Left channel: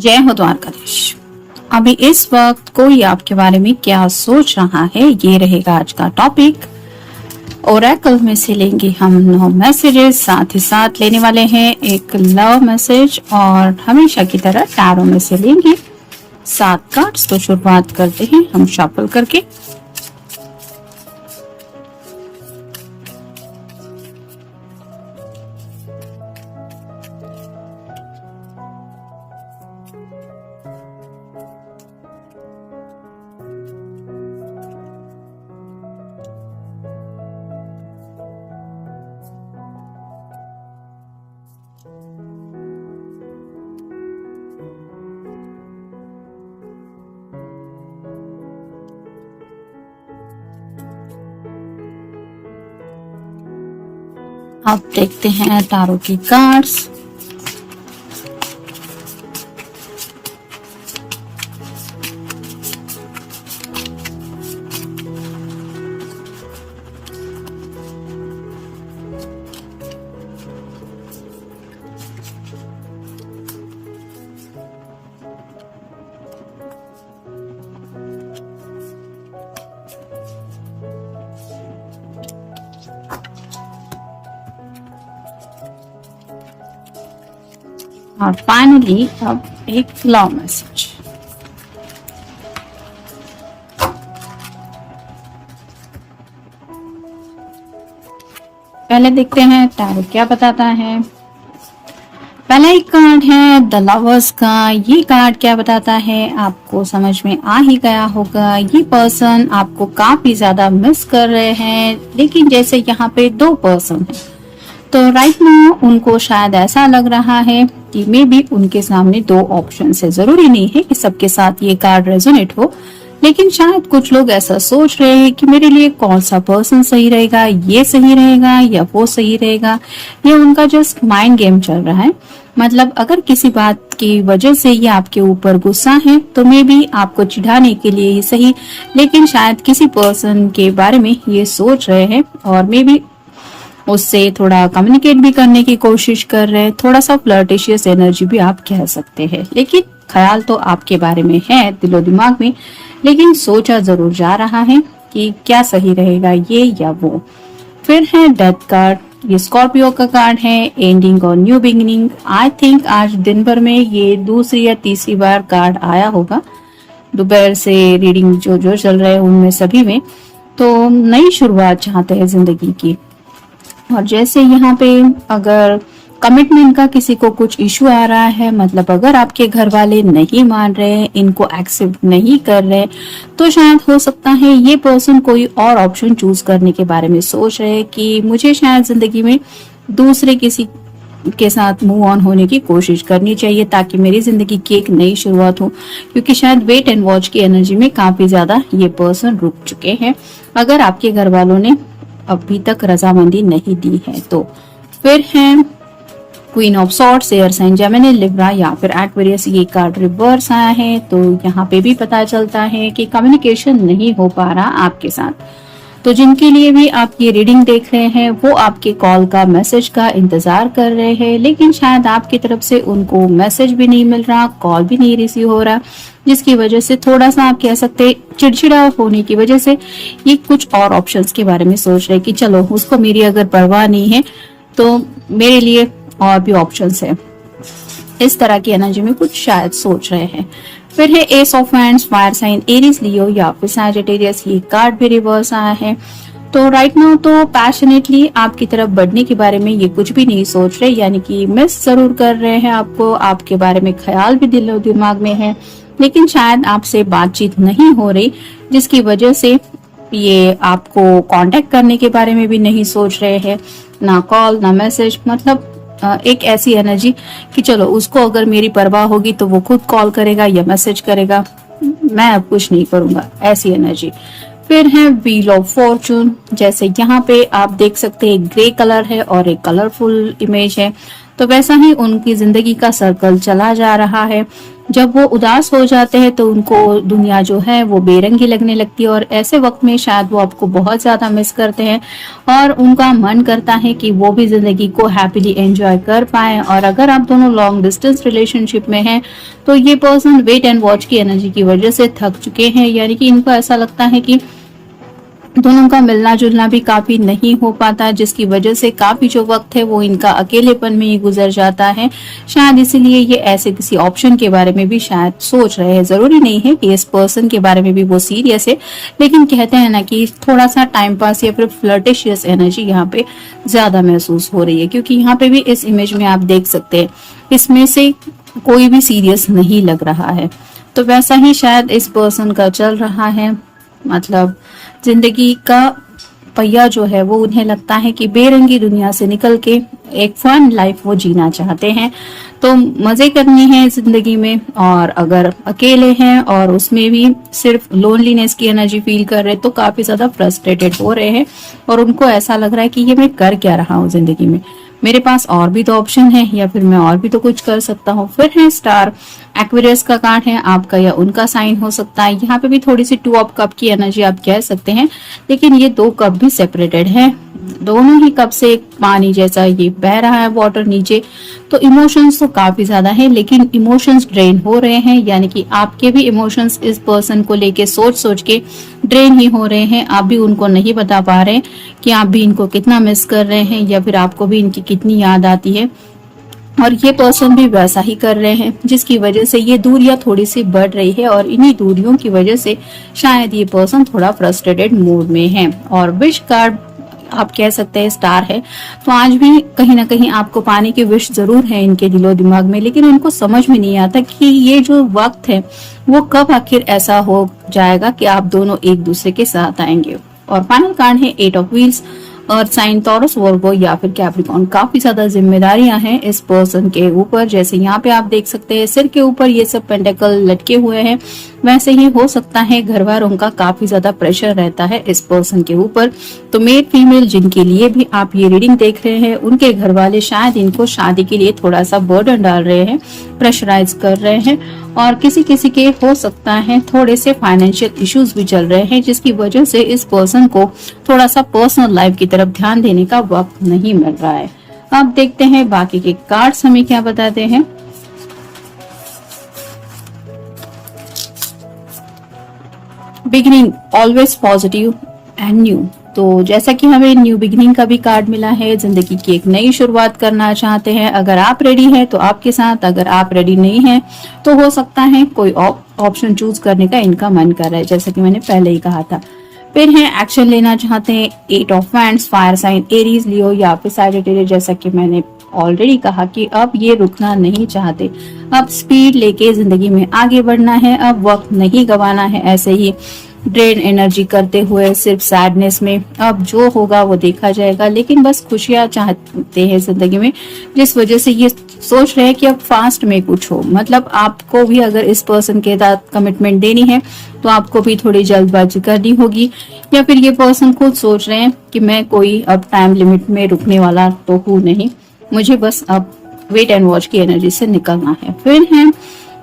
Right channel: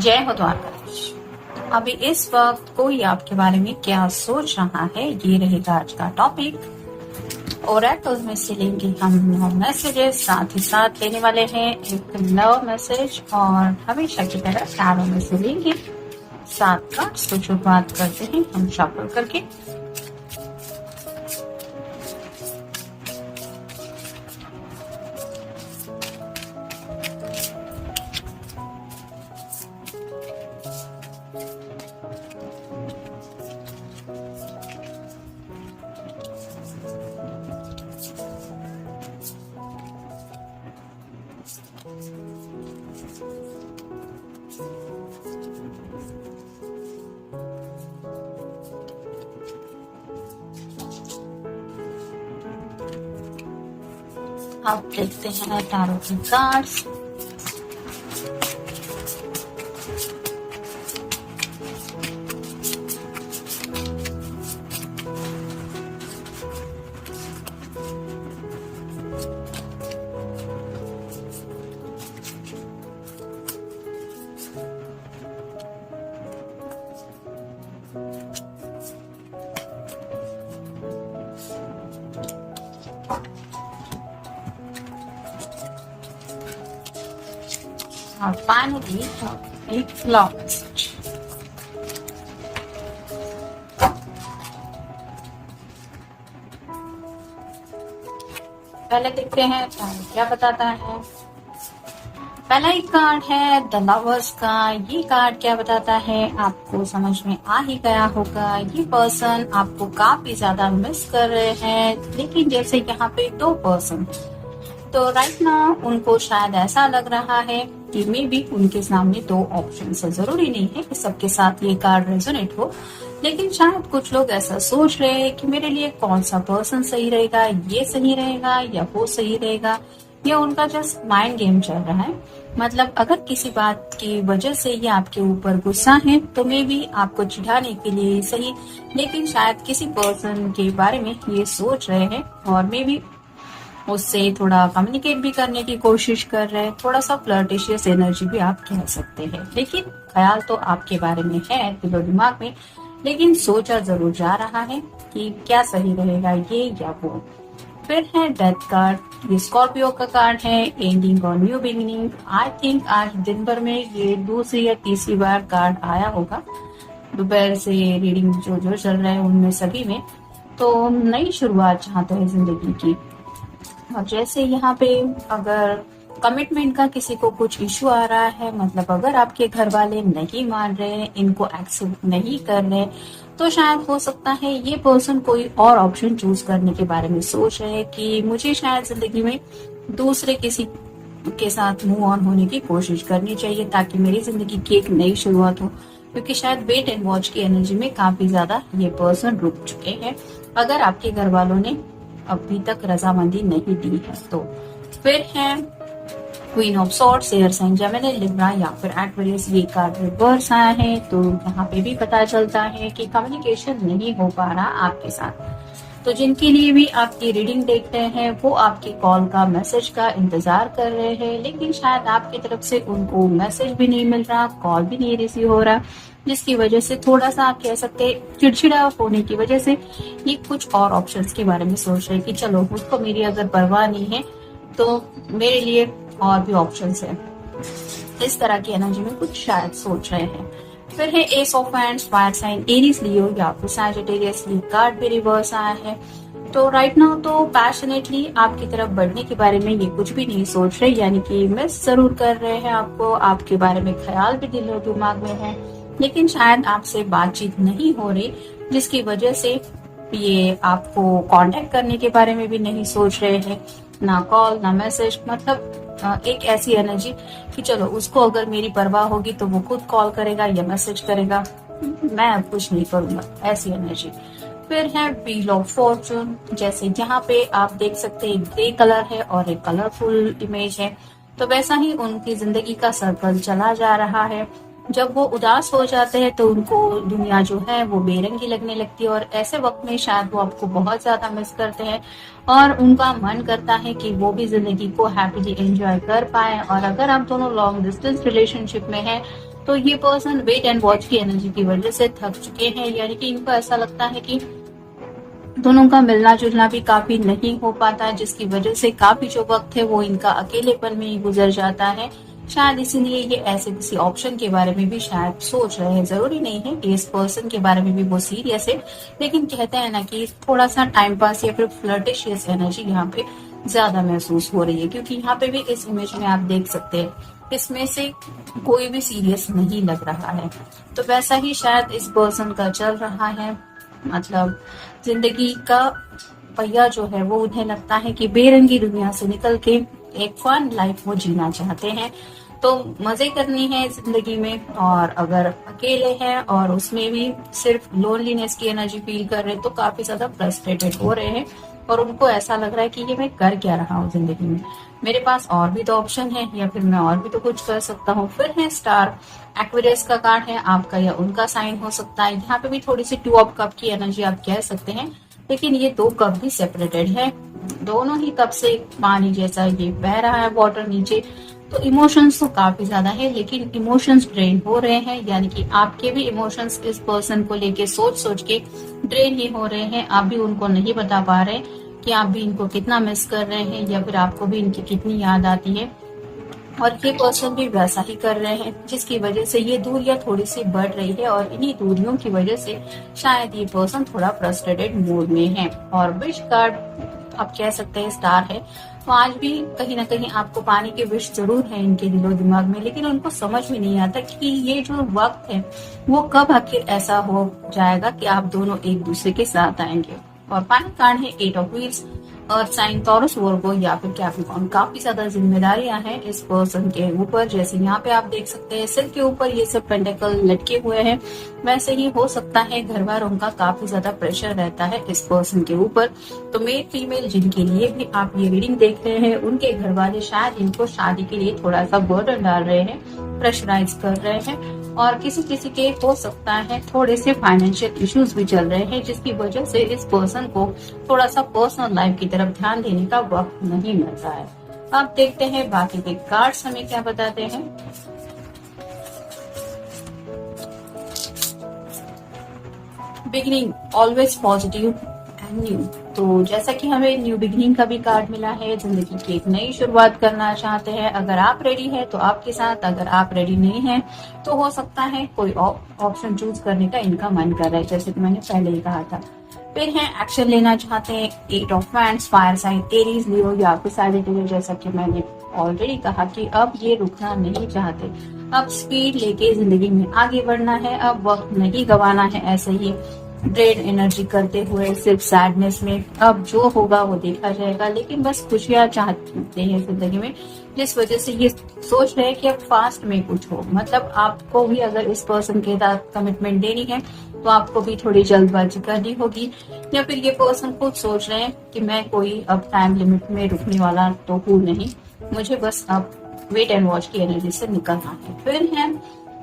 जय हो द्वारकाधीश। अभी इस वक्त कोई आपके बारे में क्या सोच रहा है, ये रहेगा आज का टॉपिक। ओरेकल में से लेंगे हम 9 मैसेजेस, साथ ही साथ लेने वाले हैं एक लव मैसेज और हमेशा की तरह टैरो में से लेंगे 7 कार्ड्स। तो शुरुआत करते हैं हम शफल करके। अब देखते हैं टैरो की कार्ड्स। और फाइनली अब एक लव मैसेज। पहले देखते हैं टैरो क्या बताता है। पहला एक कार्ड है द लवर्स का। ये कार्ड क्या बताता है, आपको समझ में आ ही गया होगा, ये पर्सन आपको काफी ज्यादा मिस कर रहे हैं। लेकिन जैसे यहाँ पे 2 पर्सन हैं, तो राइट नाउ उनको शायद ऐसा लग रहा है कि मे बी उनके सामने 2 ऑप्शन है। जरूरी नहीं है कि सबके साथ ये कार्ड रेजोनेट हो, लेकिन शायद कुछ लोग ऐसा सोच रहे हैं कि मेरे लिए कौन सा पर्सन सही रहेगा, ये सही रहेगा या वो सही रहेगा। ये उनका जस्ट माइंड गेम चल रहा है। मतलब अगर किसी बात की वजह से ये आपके ऊपर गुस्सा है तो मे बी आपको चिढ़ाने के लिए ही सही, लेकिन शायद किसी पर्सन के बारे में ये सोच रहे हैं और मे बी उससे थोड़ा कम्युनिकेट भी करने की कोशिश कर रहे हैं। थोड़ा सा फ्लर्टिशियस एनर्जी भी आप कह सकते हैं, लेकिन ख्याल तो आपके बारे में है दिलो दिमाग में, लेकिन सोचा जरूर जा रहा है कि क्या सही रहेगा, ये या वो। फिर है डेथ कार्ड। ये स्कॉर्पियो का कार्ड है, एंडिंग और न्यू बिगिनिंग। आई थिंक आज दिन भर में ये दूसरी या तीसरी बार कार्ड आया होगा। दोपहर से रीडिंग जो चल रहे हैं उनमें सभी में तो नई शुरुआत चाहते हैं जिंदगी की। और जैसे यहाँ पे अगर कमिटमेंट का किसी को कुछ इशू आ रहा है, मतलब अगर आपके घर वाले नहीं मान रहे, इनको एक्सेप्ट नहीं कर रहे, तो शायद हो सकता है ये पर्सन कोई और ऑप्शन चूज करने के बारे में सोच रहे कि मुझे शायद जिंदगी में दूसरे किसी के साथ मूव ऑन होने की कोशिश करनी चाहिए ताकि मेरी जिंदगी की एक नई शुरुआत हो। क्योंकि शायद वेट एंड वॉच की एनर्जी में काफी ज्यादा ये पर्सन रुक चुके हैं, अगर आपके घर वालों ने अभी तक रजामंदी नहीं दी है तो। फिर है queen of swords, air sign Gemini, Libra या फिर एक्वेरियस। ये कार्ड रिवर्स आया है, तो यहाँ पे भी पता चलता है कि कम्युनिकेशन नहीं हो पा रहा आपके साथ। तो जिनके लिए भी आप ये रीडिंग देख रहे हैं वो आपके कॉल का, मैसेज का इंतजार कर रहे हैं, लेकिन शायद आपकी तरफ से उनको मैसेज भी नहीं मिल रहा, कॉल भी नहीं रिसीव हो रहा, जिसकी वजह से थोड़ा सा आप कह सकते हैं चिड़चिड़ा होने की वजह से ये कुछ और ऑप्शंस के बारे में सोच रहे कि चलो उसको मेरी अगर परवाह नहीं है तो मेरे लिए और भी ऑप्शंस है। इस तरह की एनर्जी में कुछ शायद सोच रहे हैं। फिर है ace of hands, fire sign Aries, Leo या फिर सैजिटेरियस। ये कार्ड भी रिवर्स आया है। तो राइट नाउ तो पैशनेटली आपकी तरफ बढ़ने के बारे में ये कुछ भी नहीं सोच रहे, यानी कि मिस जरूर कर रहे हैं आपको, आपके बारे में ख्याल भी दिलो दिमाग में है, लेकिन शायद आपसे बातचीत नहीं हो रही, जिसकी वजह से ये आपको कांटेक्ट करने के बारे में भी नहीं सोच रहे हैं, ना कॉल ना मैसेज। मतलब एक ऐसी एनर्जी कि चलो उसको अगर मेरी परवाह होगी तो वो खुद कॉल करेगा या मैसेज करेगा, मैं अब कुछ नहीं करूंगा, ऐसी एनर्जी। फिर है व्हील ऑफ फॉर्चून। जैसे यहाँ पे आप देख सकते हैं ग्रे कलर है और एक कलरफुल इमेज है, तो वैसा ही उनकी जिंदगी का सर्कल चला जा रहा है। जब वो उदास हो जाते हैं तो उनको दुनिया जो है वो बेरंगी लगने लगती है, और ऐसे वक्त में शायद वो आपको बहुत ज्यादा मिस करते हैं और उनका मन करता है कि वो भी जिंदगी को हैप्पीली एंजॉय कर पाए। और अगर आप दोनों लॉन्ग डिस्टेंस रिलेशनशिप में हैं तो ये पर्सन वेट एंड वॉच की एनर्जी की वजह से थक चुके हैं, यानी कि इनको ऐसा लगता है कि दोनों का मिलना जुलना भी काफी नहीं हो पाता, जिसकी वजह से काफी जो वक्त है वो इनका अकेलेपन में ही गुजर जाता है। शायद इसीलिए ये ऐसे किसी ऑप्शन के बारे में भी शायद सोच रहे हैं। जरूरी नहीं है कि इस पर्सन के बारे में भी वो सीरियस है, लेकिन कहते हैं ना कि थोड़ा सा टाइम पास या फिर फ्लर्टिशियस एनर्जी यहाँ पे ज्यादा महसूस हो रही है, क्योंकि यहाँ पे भी इस इमेज में आप देख सकते हैं इसमें से कोई भी सीरियस नहीं लग रहा है। तो वैसा ही शायद इस पर्सन का चल रहा है, मतलब जिंदगी का पहिया जो है वो उन्हें लगता है कि बेरंगी दुनिया से निकल के एक फन लाइफ वो जीना चाहते हैं। तो मजे करनी है जिंदगी में, और अगर अकेले हैं और उसमें भी सिर्फ लोनलीनेस की एनर्जी फील कर रहे हैं तो काफी ज्यादा फ्रस्ट्रेटेड हो रहे हैं, और उनको ऐसा लग रहा है कि ये मैं कर क्या रहा हूँ जिंदगी में, मेरे पास और भी तो ऑप्शन है या फिर मैं और भी तो कुछ कर सकता हूँ। फिर है स्टार, एक्वेरियस का कार्ड है, आपका या उनका साइन हो सकता है। यहाँ पे भी थोड़ी सी 2 ऑफ कप की एनर्जी आप कह सकते हैं, लेकिन ये 2 कप भी सेपरेटेड है। दोनों ही कप से पानी जैसा ये बह रहा है वाटर नीचे। तो इमोशंस तो काफी ज्यादा है, लेकिन इमोशंस ड्रेन हो रहे हैं, यानी कि आपके भी इमोशंस इस पर्सन को लेके सोच सोच के ड्रेन ही हो रहे हैं। आप भी उनको नहीं बता पा रहे कि आप भी इनको कितना मिस कर रहे हैं या फिर आपको भी इनकी कितनी याद आती है, और ये पर्सन भी वैसा ही कर रहे हैं, जिसकी वजह से ये दूरियां थोड़ी सी बढ़ रही है। और इन्हीं दूरियों की वजह से शायद ये पर्सन थोड़ा फ्रस्ट्रेटेड मूड में है। और विश कार्ड आप कह सकते हैं स्टार है, तो आज भी कहीं ना कहीं आपको पाने की विश जरूर है इनके दिलो दिमाग में, लेकिन इनको समझ में नहीं आता कि ये जो वक्त है वो कब आखिर ऐसा हो जाएगा कि आप दोनों एक दूसरे के साथ आएंगे। और फाइनल कार्ड है 8 of wheels, earth sign, Taurus, Virgo या फिर कैप्रिकॉर्न। काफी ज्यादा जिम्मेदारियां हैं इस पर्सन के ऊपर, जैसे यहाँ पे आप देख सकते हैं सिर के ऊपर ये सब पेंटेकल लटके हुए हैं। वैसे ही हो सकता है घर वालों का काफी ज्यादा प्रेशर रहता है इस पर्सन के ऊपर। तो मेल फीमेल जिनके लिए भी आप ये रीडिंग देख रहे हैं, उनके घर वाले शायद इनको शादी के लिए थोड़ा सा बर्डन डाल रहे हैं, प्रेशराइज कर रहे हैं। और किसी किसी के हो सकता है थोड़े से फाइनेंशियल इश्यूज भी चल रहे हैं, जिसकी वजह से इस पर्सन को थोड़ा सा पर्सनल लाइफ की तरफ ध्यान देने का वक्त नहीं मिल रहा है। अब देखते हैं बाकी के कार्ड्स हमें क्या बताते हैं। Beginning always positive and new. तो जैसा कि हमें न्यू बिगिनिंग का भी कार्ड मिला है, जिंदगी की एक नई शुरुआत करना चाहते हैं। अगर आप रेडी हैं तो आपके साथ, अगर आप रेडी नहीं हैं तो हो सकता है कोई ऑप्शन चूज करने का इनका मन कर रहा है, जैसा कि मैंने पहले ही कहा था। फिर है एक्शन लेना चाहते हैं 8 of wands, fire sign, Aries, Leo या फिर सैजिटेरियस। जैसा कि मैंने ऑलरेडी कहा कि अब ये रुकना नहीं चाहते, अब स्पीड लेके जिंदगी में आगे बढ़ना है, अब वक्त नहीं गंवाना है ऐसे ही ड्रेन एनर्जी करते हुए सिर्फ सैडनेस में। अब जो होगा वो देखा जाएगा, लेकिन बस खुशियां चाहते हैं जिंदगी में, जिस वजह से ये सोच रहे हैं कि अब फास्ट में कुछ हो। मतलब आपको भी अगर इस पर्सन के साथ कमिटमेंट देनी है तो आपको भी थोड़ी जल्दबाजी करनी होगी, या फिर ये पर्सन खुद सोच रहे हैं कि मैं कोई अब टाइम लिमिट में रुकने वाला तो हूँ नहीं, मुझे बस अब वेट एंड वॉच की एनर्जी से निकलना है। फिर है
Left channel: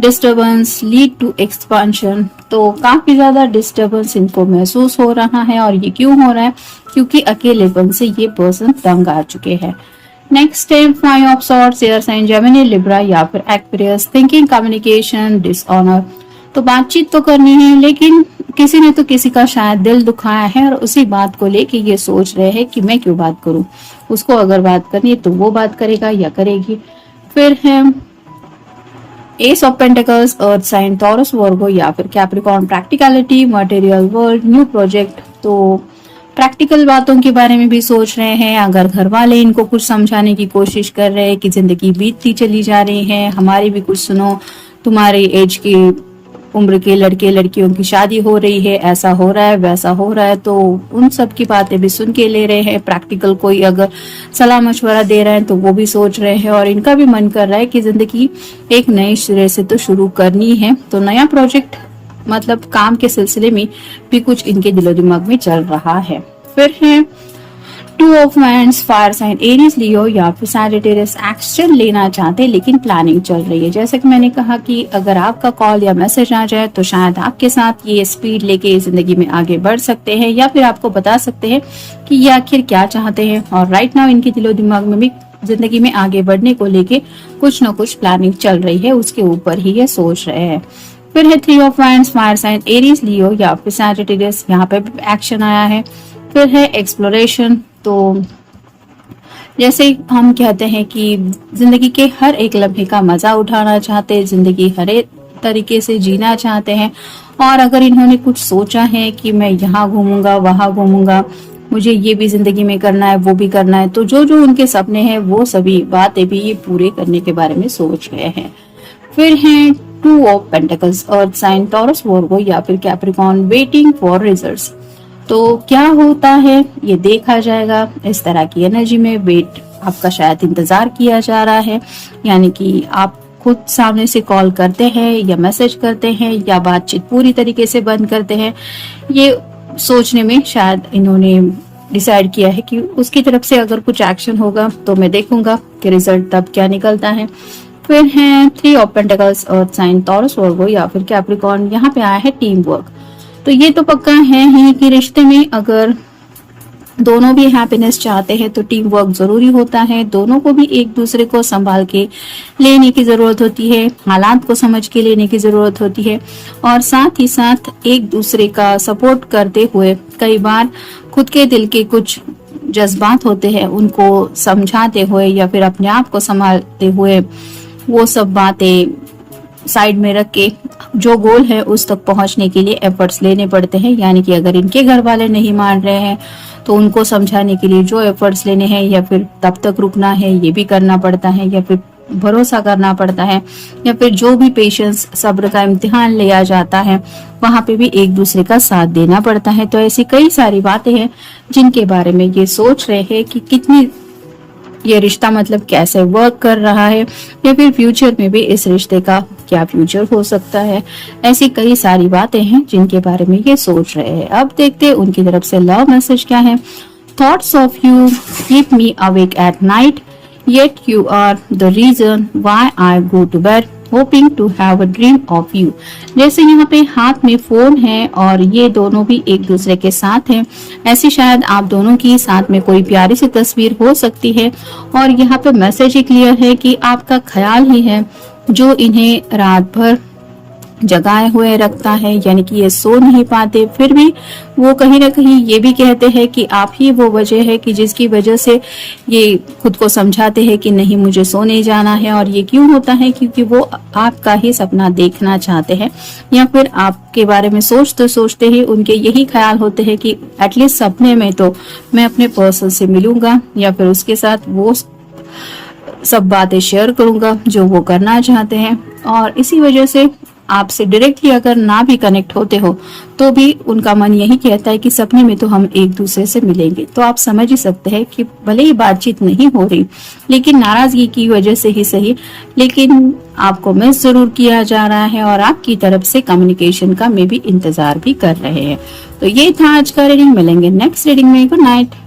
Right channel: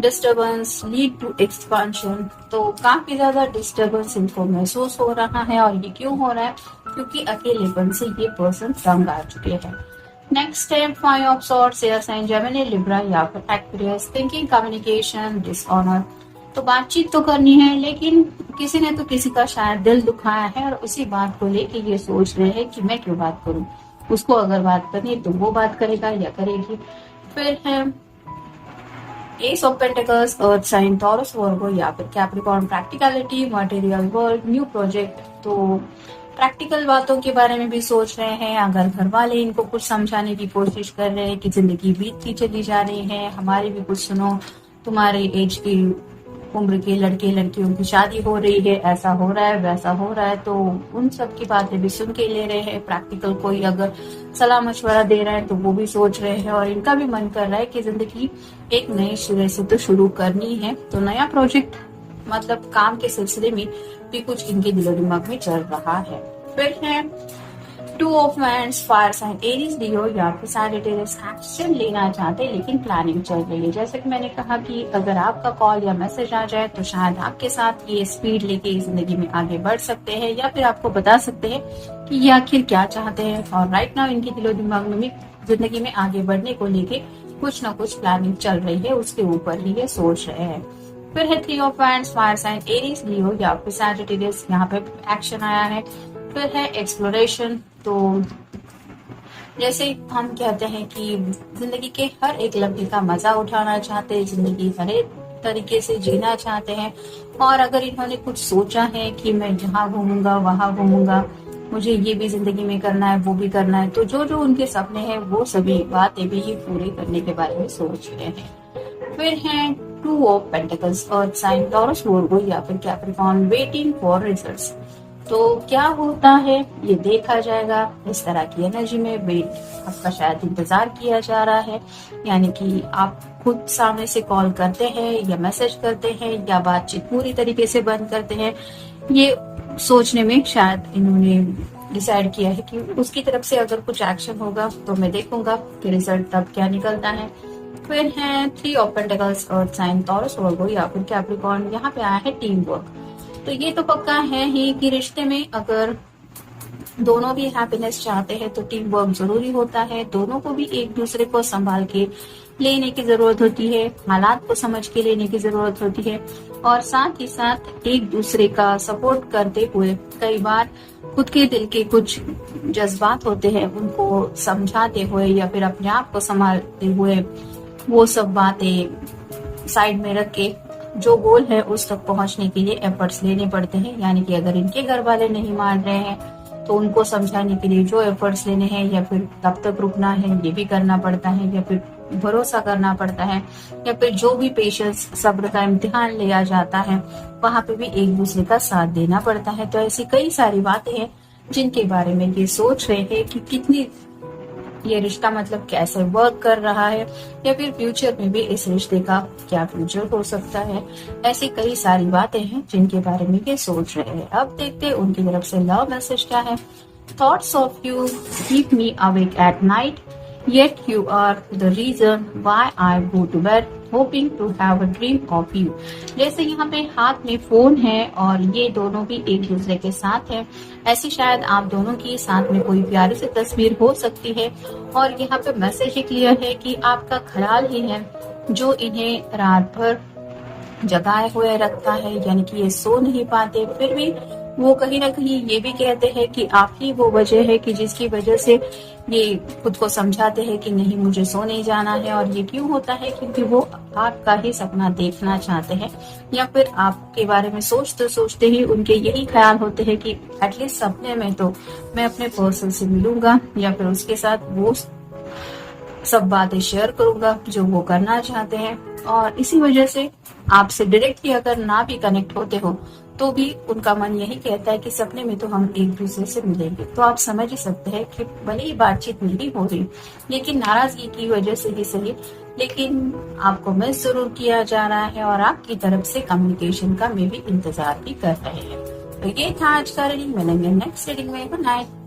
डिस्टर्बेंस लीड टू एक्सपांशन। तो काफी ज्यादा डिस्टर्बेंस इनको महसूस हो रहा है, और ये क्यों हो रहा है, क्योंकि अकेलेपन से ये पर्सन तंग आ चुके हैं। नेक्स्ट है 5 of swords, air sign, Gemini, Libra या फिर एक्वेरियस। Thinking, communication, dishonour. तो बातचीत तो करनी है, लेकिन किसी ने तो किसी का शायद दिल दुखाया है, और उसी बात को लेके ये सोच रहे हैं कि मैं क्यों बात करूं, उसको अगर बात करनी है तो वो बात करेगा या करेगी। फिर है ace of pentacles, earth sign, Taurus, Virgo या फिर Capricorn. Practicality, material world, new project. तो प्रैक्टिकल बातों के बारे में भी सोच रहे हैं। अगर घर वाले इनको कुछ समझाने की कोशिश कर रहे हैं कि जिंदगी बीतती चली जा रही है, हमारी भी कुछ सुनो, तुम्हारी एज की उम्र के लड़के लड़कियों की शादी हो रही है, ऐसा हो रहा है वैसा हो रहा है, तो उन सब की बातें भी सुन के ले रहे हैं। प्रैक्टिकल कोई अगर सलाह मशवरा दे रहे हैं तो वो भी सोच रहे हैं, और इनका भी मन कर रहा है कि जिंदगी एक नए सिरे से तो शुरू करनी है। तो नया प्रोजेक्ट मतलब काम के सिलसिले में भी कुछ इनके दिलो दिमाग में चल रहा है। फिर है two of wands, fire sign Aries Leo या फिर सैजिटेरियस एक्शन लेना चाहते हैं लेकिन प्लानिंग चल रही है। जैसे कि मैंने कहा कि अगर आपका कॉल या मैसेज आ जाए तो शायद आपके साथ ये स्पीड लेके जिंदगी में आगे बढ़ सकते हैं या फिर आपको बता सकते हैं कि ये आखिर क्या चाहते हैं। और राइट नाउ इनके दिलो दिमाग में भी जिंदगी में आगे बढ़ने को लेके कुछ ना कुछ प्लानिंग चल रही है, उसके ऊपर ही ये सोच रहे हैं। फिर है three of wands, fire sign Aries Leo या फिर सैजिटेरियस, यहाँ पे एक्शन आया है। फिर है एक्सप्लोरेशन। तो जैसे हम कहते हैं कि जिंदगी के हर एक लम्हे का मजा उठाना चाहते हैं, जिंदगी हर एक तरीके से जीना चाहते हैं। और अगर इन्होंने कुछ सोचा है कि मैं यहाँ घूमूंगा वहां घूमूंगा, मुझे ये भी जिंदगी में करना है वो भी करना है, तो जो जो उनके सपने हैं वो सभी बातें भी ये पूरे करने के बारे में सोच रहे हैं। फिर हैं two of pentacles, earth sign, Taurus, Virgo या फिर कैप्रिकॉर्न, वेटिंग फॉर रिजल्ट्स। तो क्या होता है ये देखा जाएगा। इस तरह की एनर्जी में वेट आपका शायद इंतजार किया जा रहा है, यानी कि आप खुद सामने से कॉल करते हैं या मैसेज करते हैं या बातचीत पूरी तरीके से बंद करते हैं। ये सोचने में शायद इन्होंने डिसाइड किया है कि उसकी तरफ से अगर कुछ एक्शन होगा तो मैं देखूंगा कि रिजल्ट तब क्या निकलता है। फिर है three of pentacles, earth sign, Taurus, Virgo या फिर कैप्रिकॉर्न, यहाँ पे आया है टीम वर्क। तो ये तो पक्का है ही कि रिश्ते में अगर दोनों भी हैप्पीनेस चाहते हैं तो टीम वर्क जरूरी होता है। दोनों को भी एक दूसरे को संभाल के लेने की जरूरत होती है, हालात को समझ के लेने की जरूरत होती है और साथ ही साथ एक दूसरे का सपोर्ट करते हुए कई बार खुद के दिल के कुछ जज्बात होते हैं उनको समझाते हुए या फिर अपने आप को संभालते हुए वो सब बातें साइड में रख के जो गोल है उस तक पहुंचने के लिए एफर्ट्स लेने पड़ते हैं। यानी कि अगर इनके घर वाले नहीं मान रहे हैं तो उनको समझाने के लिए जो एफर्ट्स लेने हैं या फिर तब तक रुकना है ये भी करना पड़ता है या फिर भरोसा करना पड़ता है या फिर जो भी पेशेंस सब्र का इम्तिहान लिया जाता है वहां पे भी एक दूसरे का साथ देना पड़ता है। तो ऐसी कई सारी बातें हैं जिनके बारे में ये सोच रहे हैं कि कितनी ये रिश्ता मतलब कैसे वर्क कर रहा है या फिर फ्यूचर में भी इस रिश्ते का क्या फ्यूचर हो सकता है। ऐसी कई सारी बातें हैं जिनके बारे में ये सोच रहे हैं। अब देखते हैं उनकी तरफ से लव मैसेज क्या है। Thoughts of you keep me awake at night, yet you are the reason why I go to bed hoping to have a dream of you। जैसे यहाँ पे हाथ में फोन है और ये दोनों भी एक दूसरे के साथ हैं। ऐसे शायद आप दोनों की साथ में कोई प्यारी सी तस्वीर हो सकती है और यहाँ पे मैसेज ही क्लियर है कि आपका ख्याल ही है जो इन्हें रात भर जगाए हुए रखता है। यानी कि ये सो नहीं पाते, फिर भी वो कहीं ना कहीं ये भी कहते हैं कि आप ही वो वजह है कि जिसकी वजह से ये खुद को समझाते हैं कि नहीं मुझे सोने जाना है। और ये क्यों होता है क्योंकि वो आपका ही सपना देखना चाहते हैं या फिर आपके बारे में सोचते ही उनके यही ख्याल होते हैं कि एटलीस्ट सपने में तो मैं अपने पर्सन से मिलूंगा या फिर उसके साथ वो सब बातें शेयर करूंगा जो वो करना चाहते हैं। और इसी वजह से आपसे डायरेक्टली अगर ना भी कनेक्ट होते हो तो भी उनका मन यही कहता है कि सपने में तो हम एक दूसरे से मिलेंगे। तो आप समझ ही सकते हैं कि भले ही बातचीत नहीं हो रही लेकिन नाराजगी की वजह से ही सही, लेकिन आपको मिस जरूर किया जा रहा है और आपकी तरफ से कम्युनिकेशन का में भी इंतजार भी कर रहे हैं। तो ये था आज का रीडिंग। मिलेंगे नेक्स्ट रीडिंग में। Good night.